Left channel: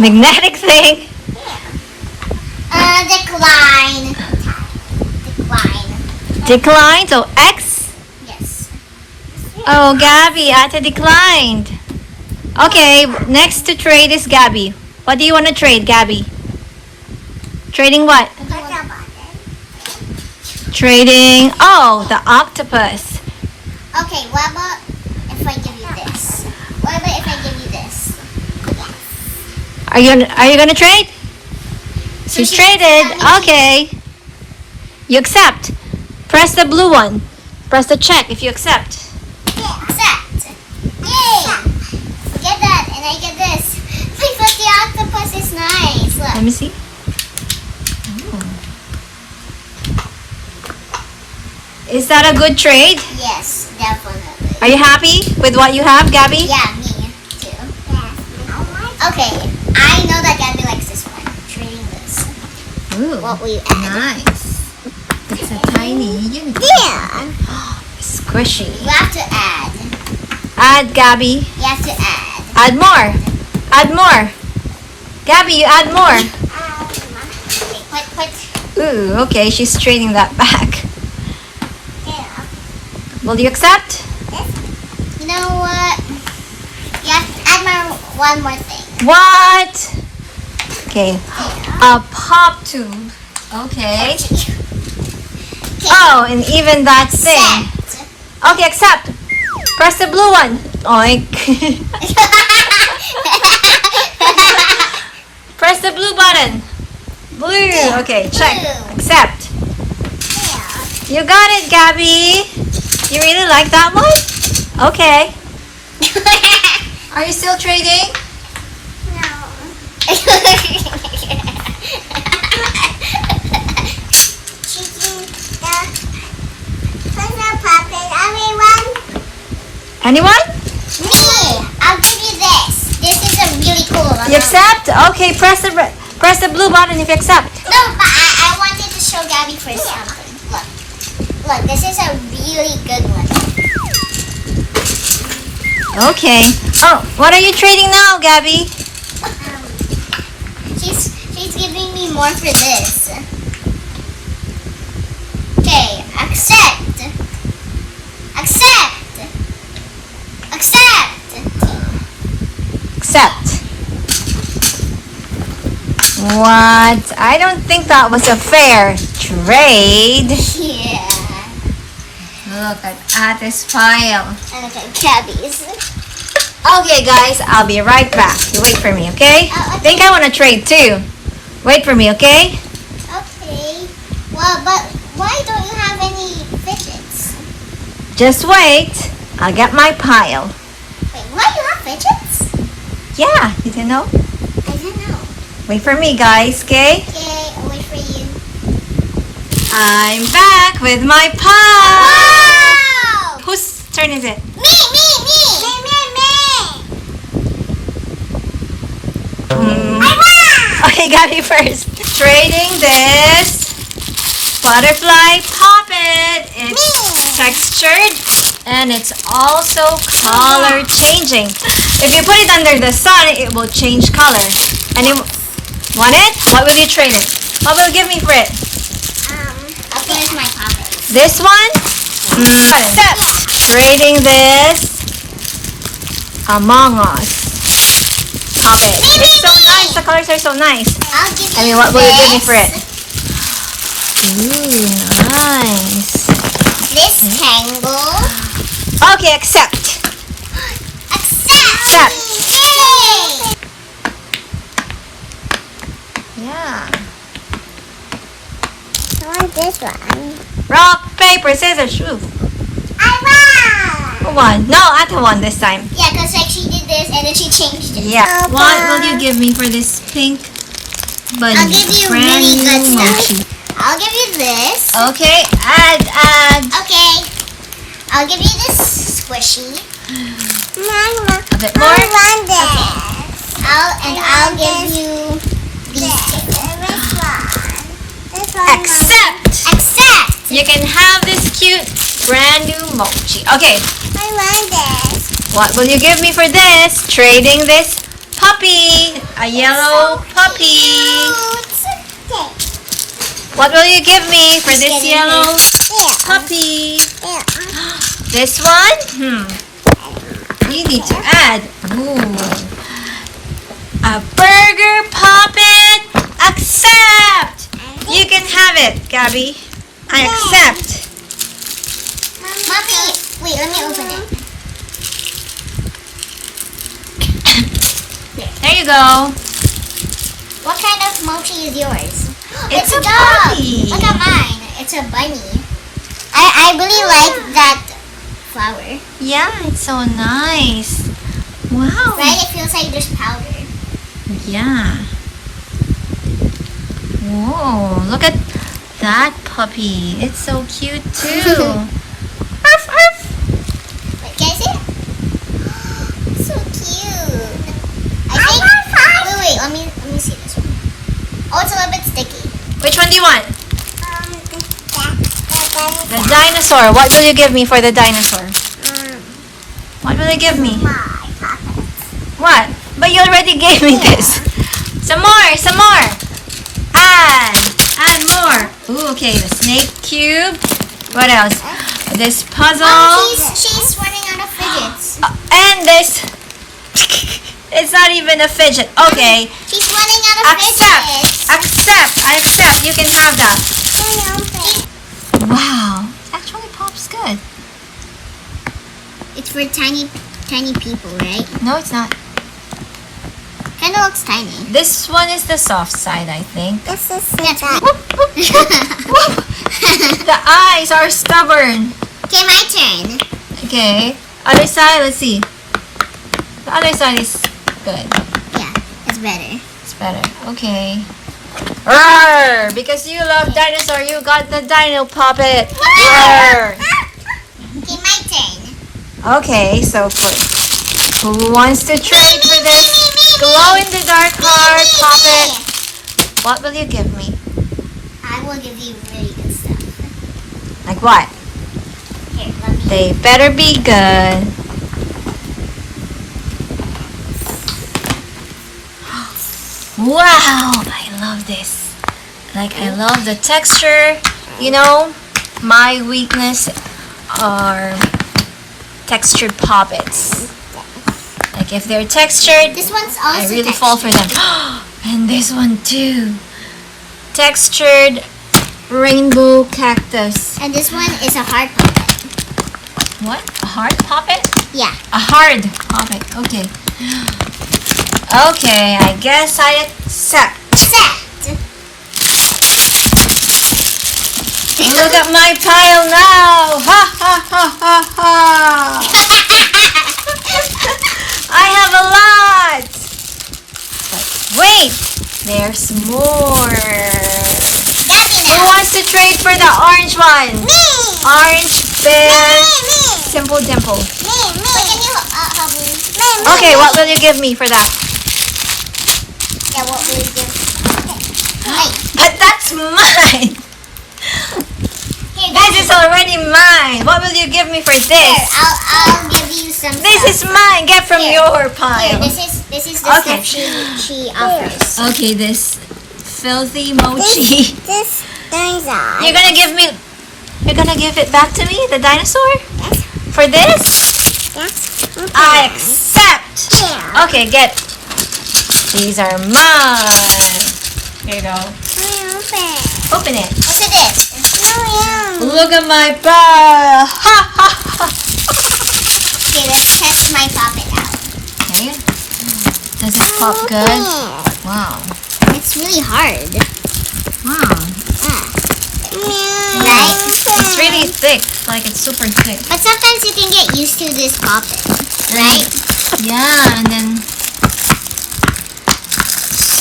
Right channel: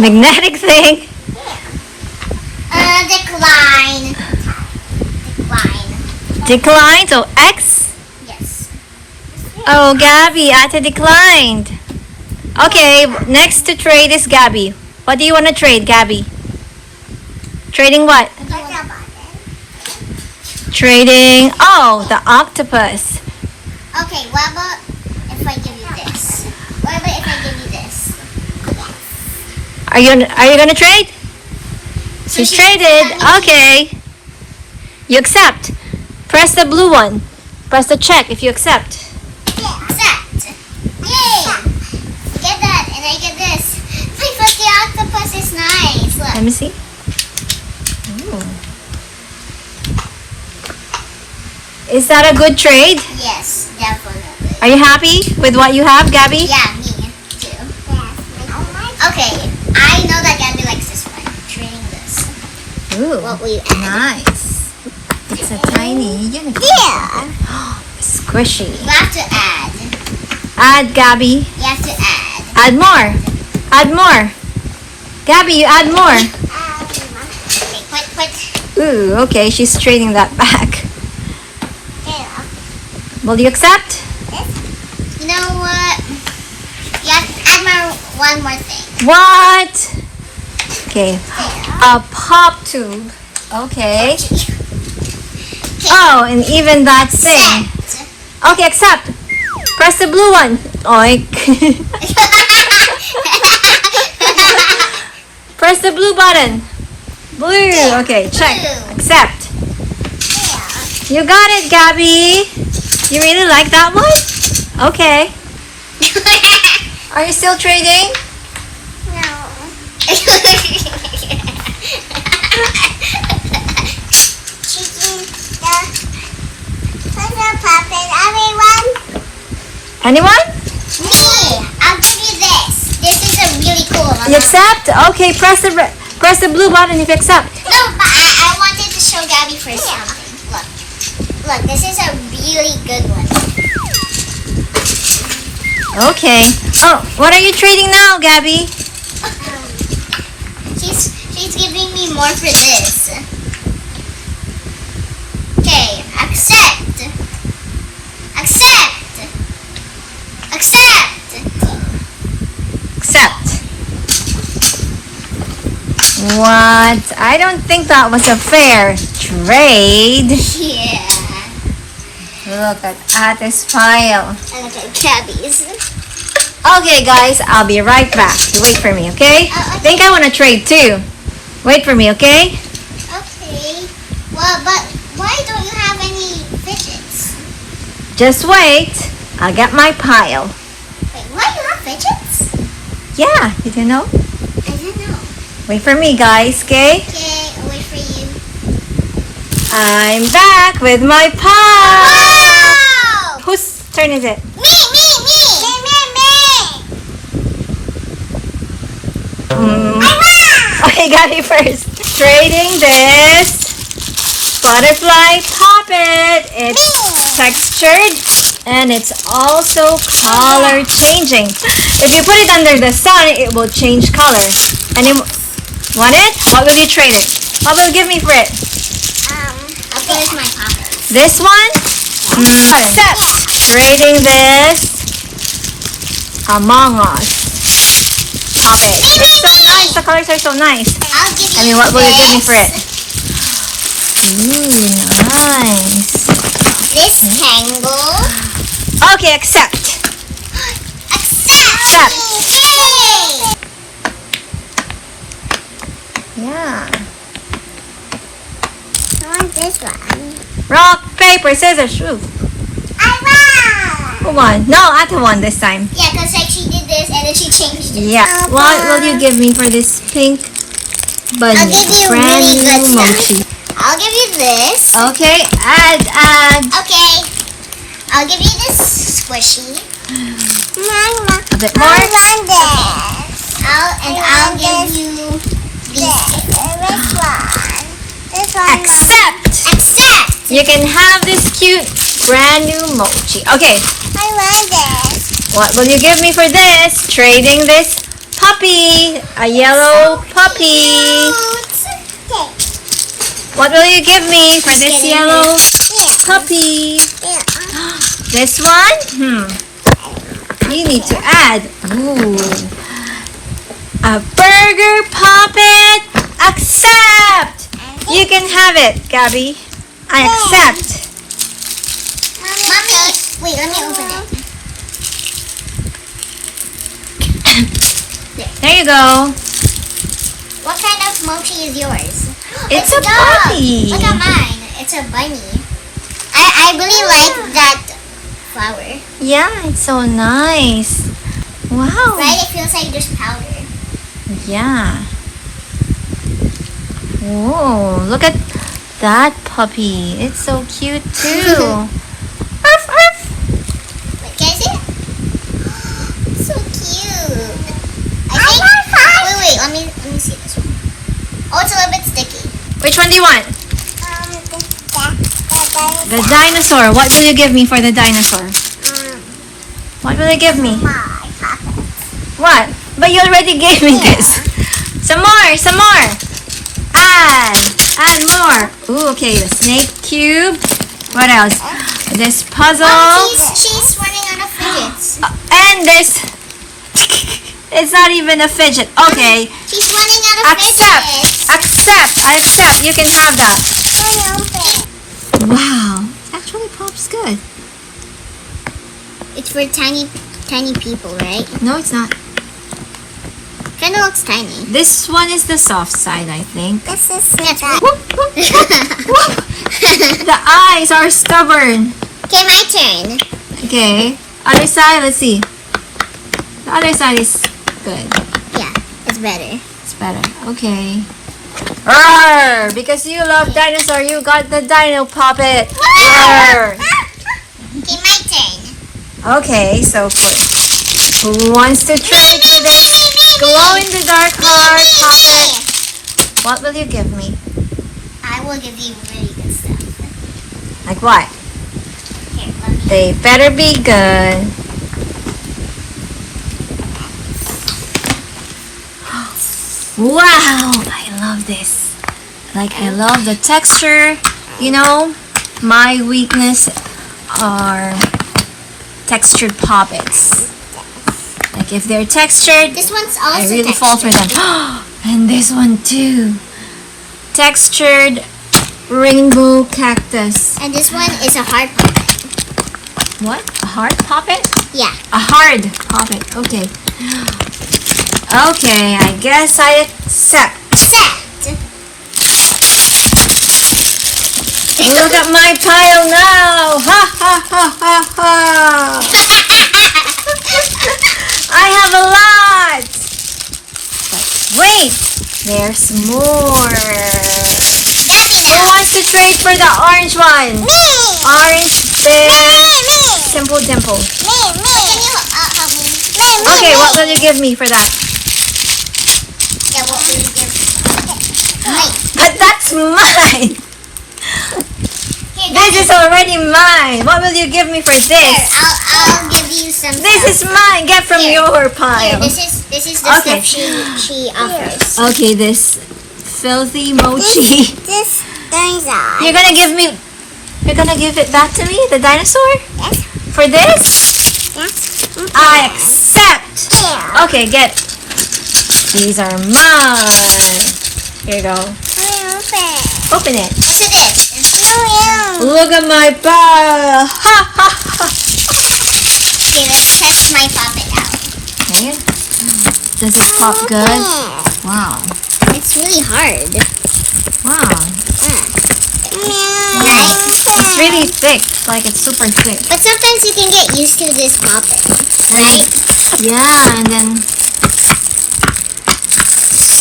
Magnetic thing. Decline. Decline. So X. Yes. Oh, Gabby, Ate declined. Okay, next to trade is Gabby. What do you want to trade, Gabby? Trading what? Trading, oh, the octopus. Okay, what about if I give you this? What about if I give you this? Yes. Are you gonna trade? She's traded. Okay. You accept. Press the blue one. Press the check if you accept. Yeah, accept. Yay! Get that, and I get this. Wait, but the octopus is nice. Look. Let me see. Ooh. Is that a good trade? Yes, definitely. Are you happy with what you have, Gabby? Yeah, me too. Okay, I know that Gabby likes this one. Trading this. Ooh, What we add. nice. It's a tiny unicorn. Yeah. Squishy. You have to add. Add, Gabby. You have to add. Add more. Add more. Gabby, you add more. Okay, quick. Ooh, okay, she's trading that back. Will you accept? You know what? You have to add one more thing. What? Okay. A pop tube. Okay. Oh, and even that thing. Okay, accept. Press the blue one. Oink. Press the blue button. Blue. Okay, check. Accept. You got it, Gabby. You really like that one? Okay. Are you still trading? No. Anyone? Me! I'll give you this. This is a really cool one. You accept? Okay, press the blue button if you accept. No, but I wanted to show Gabby first something. Look, this is a really good one. Okay. Oh, what are you trading now, Gabby? She's giving me more for this. Okay, accept. Accept. Accept. What? I don't think that was a fair trade. Yeah. Look at Ate's pile. And look at Gabby's. Okay, guys, I'll be right back. You wait for me, okay? Okay. I think I want to trade too. Wait for me, okay? Okay. Well, but why don't you have any fidgets? Just wait. I'll get my pile. Wait, what? You have fidgets? Yeah, you didn't know? I didn't know. Wait for me, guys, okay? Okay, I'll wait for you. I'm back with my pile. Wow! Whose turn is it? Me! Mm. I won! Okay, Gabby first. Trading this butterfly puppet. It's textured and it's also color changing. If you put it under the sun, it will change color. And it want it? What will you trade it? What will you give me for it? I'll finish my pocket. This one? Accept. Trading this Among Us puppet. It's so nice. The colors are so nice. I'll give you I mean, what will you give me this. for it? Ooh, nice. This tangle. Okay, accept. Accept! Yay! Yeah. I want this one. Rock, paper, scissors, shoot. I won! Who won? No, Ate won this time. Yeah, because like she did this and then she changed it. Yeah. What will you give me for this pink bunny? I'll give you Brand really new good stuff. mochi. I'll give you this. Okay, add. Okay. I'll give you this squishy. A bit more. I'll give you this. Accept. Accept! You can have this cute brand new mochi. Okay, I want this. what will you give me for this? Trading this puppy. A yellow puppy. What will you give me for this yellow puppy? This one? You need to add. Ooh. A burger puppet. Accept. You can have it, Gabby. I accept. Mommy, wait, let me open it. There you go. What kind of mochi is yours? It's a dog. puppy. Look at mine. It's a bunny. I really like that flower. Yeah, it's so nice. Wow. Right? It feels like there's powder. Yeah. Whoa, look at that puppy. It's so cute too. Arf, arf. Wait, can I see it? So cute. Wait, let me see this one. Oh, it's a little bit sticky. Which one do you want? The dinosaur. What will you give me for the dinosaur? What will you give me? What? But you already gave me this. Some more, some more. Add more. Ooh, okay, the snake cube. What else? This puzzle. She's running out of fidgets. And this. It's not even a fidget. Okay. She's running out of fidgets. Accept. I accept. You can have that. Wow. It actually pops good. It's for tiny people, right? No, it's not. Kind of looks tiny. This one is the soft side, I think. Yes. The eyes are stubborn. Okay, my turn. Okay. Other side, let's see. The other side is good. Yeah, it's better. It's better. Okay. Roar! Because you love dinosaur, you got the dino puppet. Roar! Okay, my turn. Okay, so who wants to trade for this glow-in-the-dark heart puppet? What will you give me? I will give you really good stuff. Like what? Here, let me. They better be good. Wow, I love this. Like, I love the texture. You know, my weakness are textured puppets. Like, if they're textured, This one's also I really textured. fall for them. And this one too. Textured rainbow cactus. And this one is a hard puppet. What? A hard puppet? Yeah. A hard puppet. Okay. Okay, I guess I accept. Set. Look at my pile now. Ha ha ha ha ha. I have a lot. But wait, there's more. Who wants to trade for the orange one? Me. Orange bear. Me. Simple dimple. Me. Can you help me? Okay, what will you give me for that? Yeah, what will you give? But that's mine. Here, This is already mine. What will you give me for Here, this? I'll give you some. This is mine. Get from Here. your Here, pile. this is the Okay. stuff she offers. Okay, this filthy mochi. This dinosaur. You're gonna give it back to me, the dinosaur? Yes. For this? Yes. I accept. Yeah. Okay, get. These are mine. Here you go. Open it. What's this? Look at my pile. Ha ha ha. Okay, let's test my puppet out. Okay. Does it pop good? Wow. It's really hard. Wow. Right? It's really thick. Like it's super thick. But sometimes you can get used to this puppet. Right? Yeah, and then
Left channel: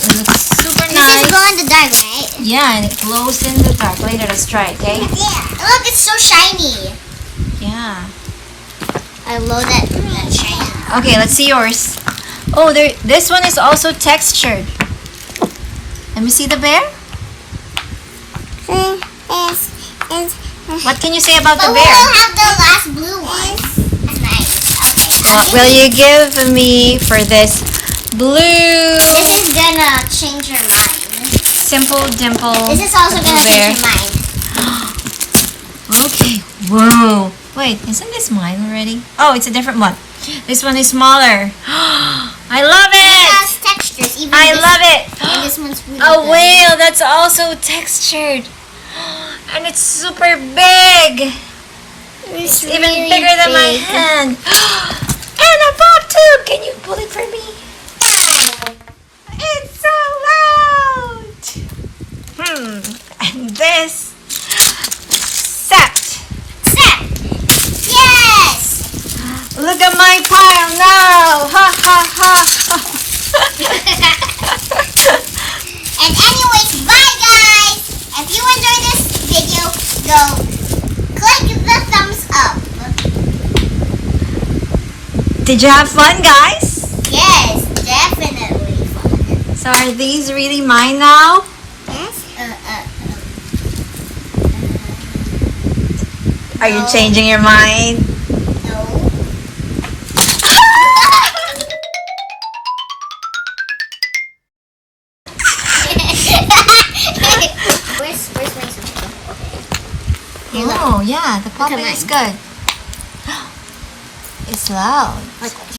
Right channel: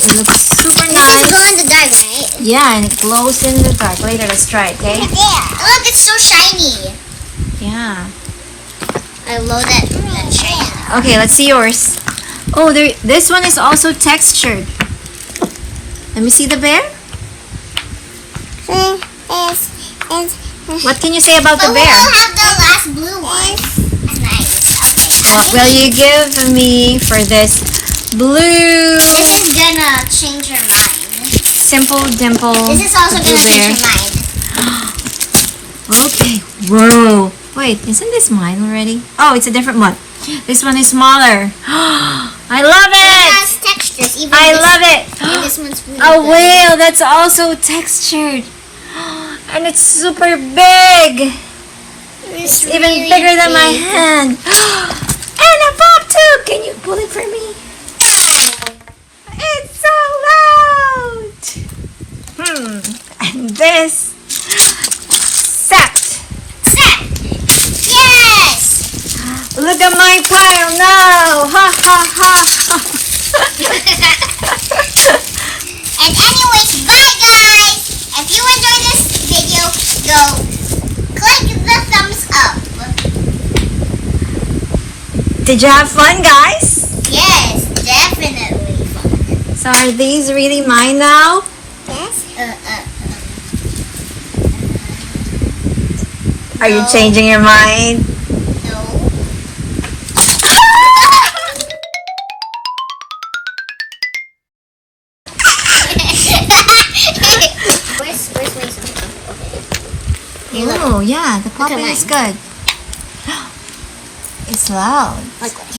it looks super This is nice. glow in the dark, right? Yeah, and it glows in the dark. Later, let's try it, okay? Yeah. Look, it's so shiny. Yeah. I love that shine. Okay, let's see yours. Oh, this one is also textured. Let me see the bear. What can you say about the But bear? we'll have the last blue one. Nice. What will you give me for this Blue. This is gonna change your mind. Simple dimple. This is also gonna there. change your mind. Okay. Whoa. Wait, isn't this mine already? Oh, it's a different one. This one is smaller. I love It it. has textures. Even I this, love it. and this one's really A good. whale that's also textured. And it's super big. It's even really bigger than my big. hand. And a pop too. Can you pull it for me? It's so loud. And this set. Yes! Look at my pile now. Ha ha ha. And anyways, bye guys! If you enjoyed this video, go click the thumbs up. Did you have fun, guys? Yes, definitely fun. So are these really mine now? Yes? Are you No. changing your mind? No. Where's my something? Okay. Oh, yeah, the at popping is mine. good. It's loud. Like